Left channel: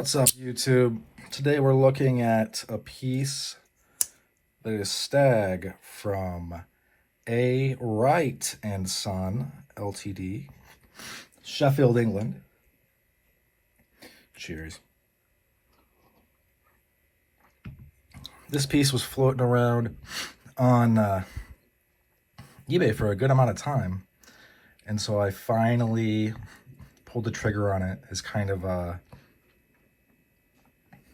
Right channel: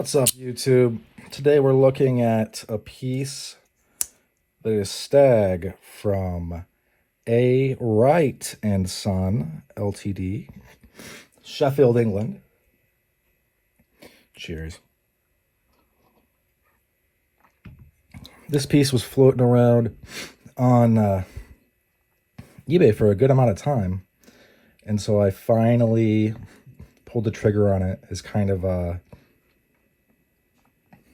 What's up, YouTube? Today we're looking at a piece that is Stag from Wright and Son, LTD, Sheffield, England. Cheers. This piece was floating around on eBay for a good amount of time, and so I finally pulled the trigger on it as kind of a,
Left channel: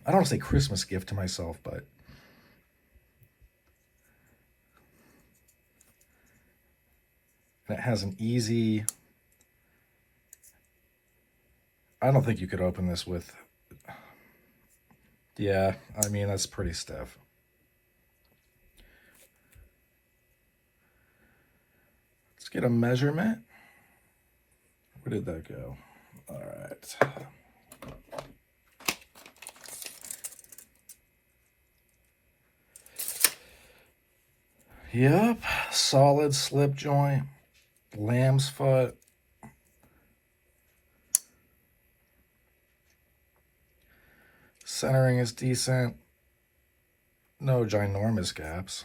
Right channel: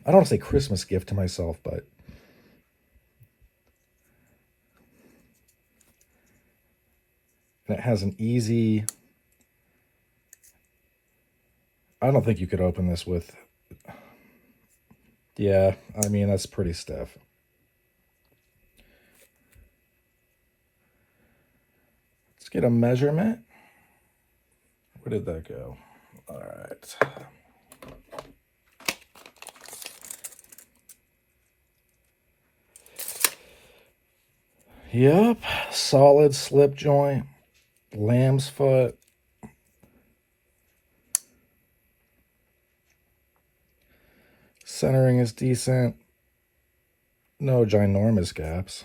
I don't want to say Christmas gift to myself, but it has an easy, I don't think you could open this with, yeah, I mean, that's pretty stiff. Let's get a measurement. Where did that go? All right. Yep, solid slip joint, lamb's foot. Centering is decent. No ginormous gaps.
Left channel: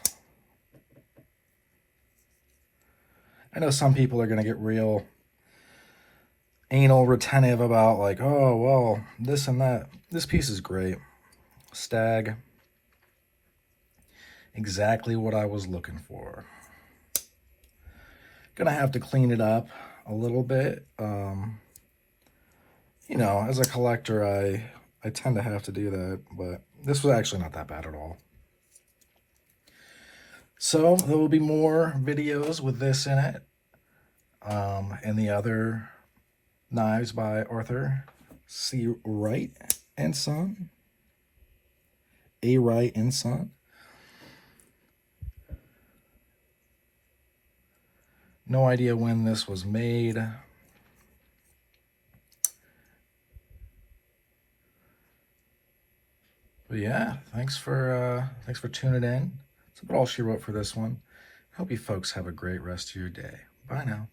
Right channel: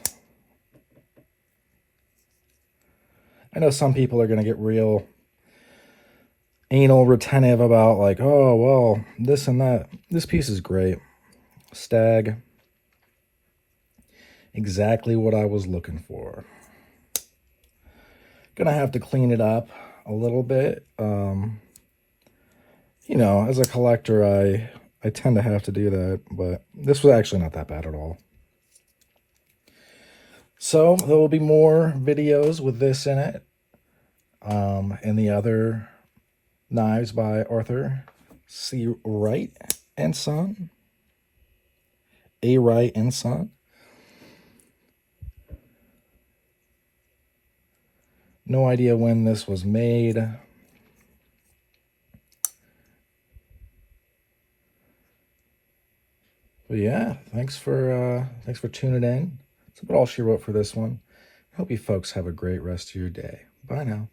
I know some people are going to get real anal retentive about like, oh, well, this and that. This piece is great. Stag. Exactly what I was looking for. Gonna have to clean it up a little bit. You know, as a collector, I tend to have to do that, but this was actually not that bad at all. So there will be more videos with this in it, and the other knives by Arthur C. Wright and Son. A. Wright and Son. No idea when this was made. But yeah, thanks for tuning in. That's about all she wrote for this one. I hope you folks have a great rest of your day. Bye now.